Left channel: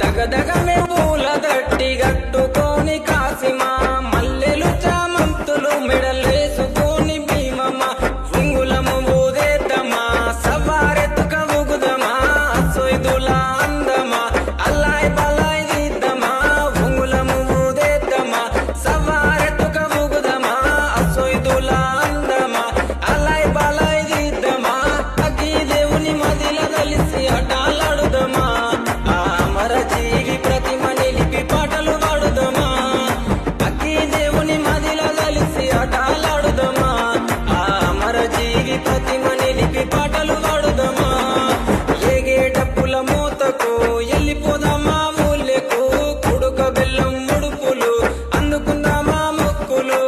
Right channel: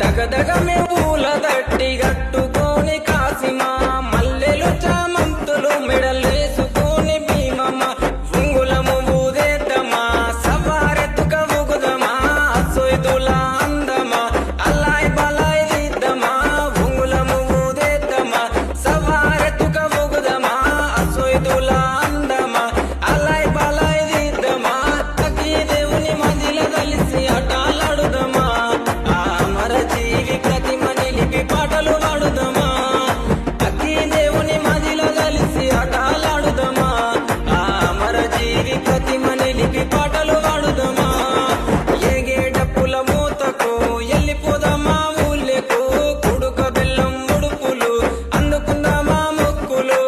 దగదగ పూల దట్టి గట్టుకొని కాసిమా మల్లెలు చామంతులు మెడలేసుకొని భీమమ్మ ఉంగులము ఊదేద్దమా సవారెత్తుక ఊగుదమా సొయ్దుల అందమా అల్లాయ్ బలాయ్ దిద్దమా ఉంగులము ఊదేద్దమా సవారెత్తుక ఊగుదమా సొయ్దుల అందమా అల్లాయ్ బలాయ్ దిద్దమా అగ్గి దేవుని మదిల కలిసి ఆటలాడుదమా అమర జీవి ప్రతిమ నిలిపి పాటలు పాడుదమా అక్కి దేవుని మదిలో కలిసి ఆటలాడుదమా అమర జీవి ప్రతిమ నిలిపి పాటలు పాడుదమా ఏగే డప్పుల మూతకు ఎల్లిపోదామా ఊళ్ళకు కుడుక బెల్లం ముడుపులు అందుకుందామా మొక్కులు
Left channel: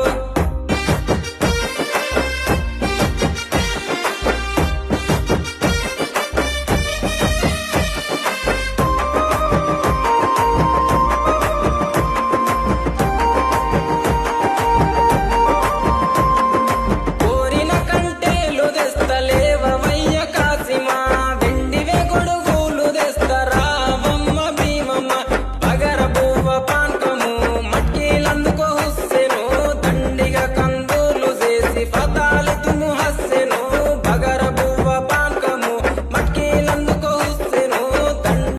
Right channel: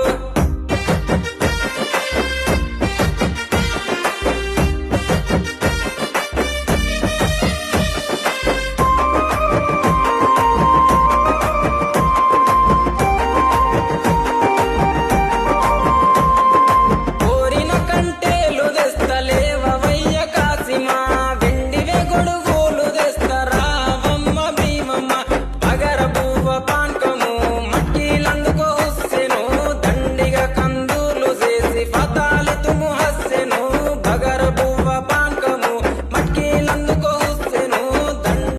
కంటేలు తెస్తలేవయ్య కాసిమా వెండివే గొడుగులు తెస్తరావమ్మ భీమమ్మ బగర బువ్వ పాన్కము మట్కీలందుకో హుస్సెను దండిగా కందూర్లు చేసి ఫతాలి తుము హస్సెను బగర